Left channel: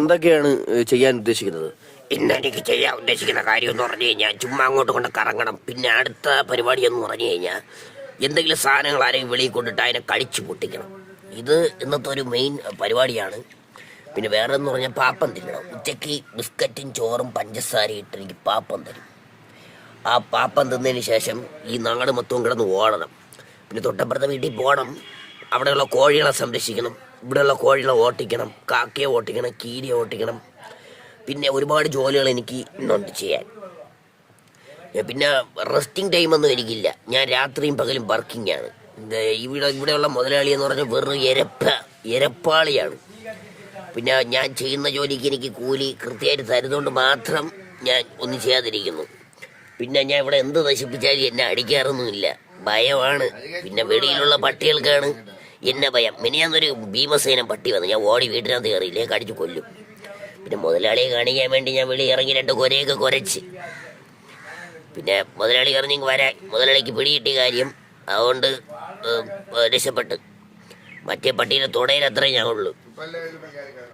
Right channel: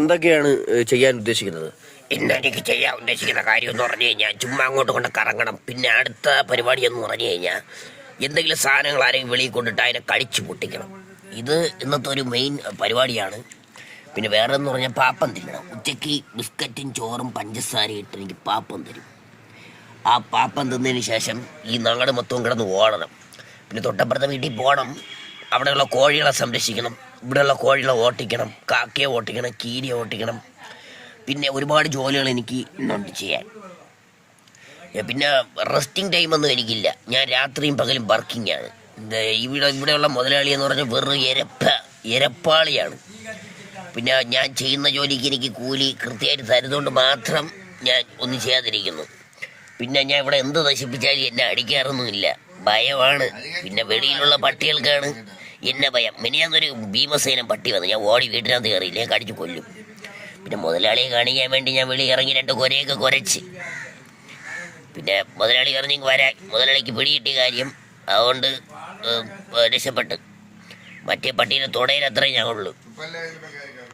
എന്തൊക്കെയാണ് ചെയ്യാൻ ഉദ്ദേശിക്കുന്നത്? പിന്നെ എനിക്ക് ചെയ്യാൻ ഉദ്ദേശിക്കുന്ന കാര്യം എന്ന് പറഞ്ഞു കഴിഞ്ഞാൽ ചുമ്മാ അങ്ങോട്ട് കൊണ്ട് കറങ്ങണം. പിന്നെ അടുത്ത പരിപാടി എന്ന് പറഞ്ഞു കഴിഞ്ഞാൽ എന്തെങ്കിലും സാധനങ്ങൾ ആരെങ്കിലും വെളിയിൽ കൊണ്ടിട്ട് അതിനെ കടിച്ചു പൊട്ടിക്കണം. ഇത് ഇന്നത്തെ ഒരു മെയിൻ പരിപാടിയാണ്. പിന്നെ വേറെ എന്ന് പറഞ്ഞാൽ പാപ്പം തിന്നണം. ഉച്ചയ്ക്ക് ബിസ്ക്കറ്റും ചോറും പഞ്ചസാരയും ഇട്ട് എനിക്ക് പാപ്പം തരും. ആ പാപ്പം തിന്നതിന് ശേഷം ഈ നാട് മൊത്തവും കിടന്ന് ഓടണം. പിന്നെ തൊട്ടപ്പുറത്തെ വീട്ടിൽ പോകണം. അവിടെയുള്ള കോഴികളെ സംരക്ഷിക്കണം. ഇവിടെയുള്ള കോഴികളെ ഓട്ടിക്കണം, കാക്കയെ ഓട്ടിക്കണം, കീരിയെ ഓട്ടിക്കണം. പിന്നെ ഒരുപാട് ജോലികൾ എനിക്ക് ഇന്നുണ്ട് ചെയ്യാൻ. പിന്നെ റെസ്റ്റിംഗ് ടൈമൊന്നും എനിക്കില്ല. ഞാൻ രാത്രിയും പകലും വർക്കിംഗ് ആണ്. ഇവിടെയുള്ള മുതലാളി എന്ന് പറഞ്ഞാൽ വെറും എരപ്പാളിയാണ്. പിന്നെ ഞാൻ ചെയ്യുന്ന ജോലിക്ക് എനിക്ക് കൂലി കൃത്യമായിട്ട് തരുന്നതുകൊണ്ട് മാത്രം ഞാൻ ഒന്നും ചെയ്യാതിരിക്കുന്നു. പിന്നെ ഞാൻ ഇവിടെ എന്ത് നശിപ്പിച്ചാലും എന്നെ അടിക്കാറൊന്നുമില്ല. ഭയമാണ്. പിന്നെ വെളിയിലുള്ള പട്ടികൾക്കാണ് എന്നെ ഭയം. മിനിയാന്നൊരു ഭീമസേനം പട്ടി വന്നു. ഞാൻ ഓടി വീട്ടിനകത്ത് കയറിയില്ലേ കടിച്ചു കൊല്ലും. പിന്നെ മുതലാളിയെ കാണിക്കാൻ വേണ്ടി ഞാൻ വെളി ഇറങ്ങി 2 കൊരയൊക്കെ കുരച്ച്. പിന്നെ മുതലാളി പറഞ്ഞ് വരാൻ. മുതലാളിക്ക് പിടികിട്ടിയ കാര്യം അതുകൊണ്ട് രക്ഷപ്പെട്ട്. മറ്റേ പട്ടീനെ തുടയിലത്രേ ഞാൻ ഉള്ളൂ.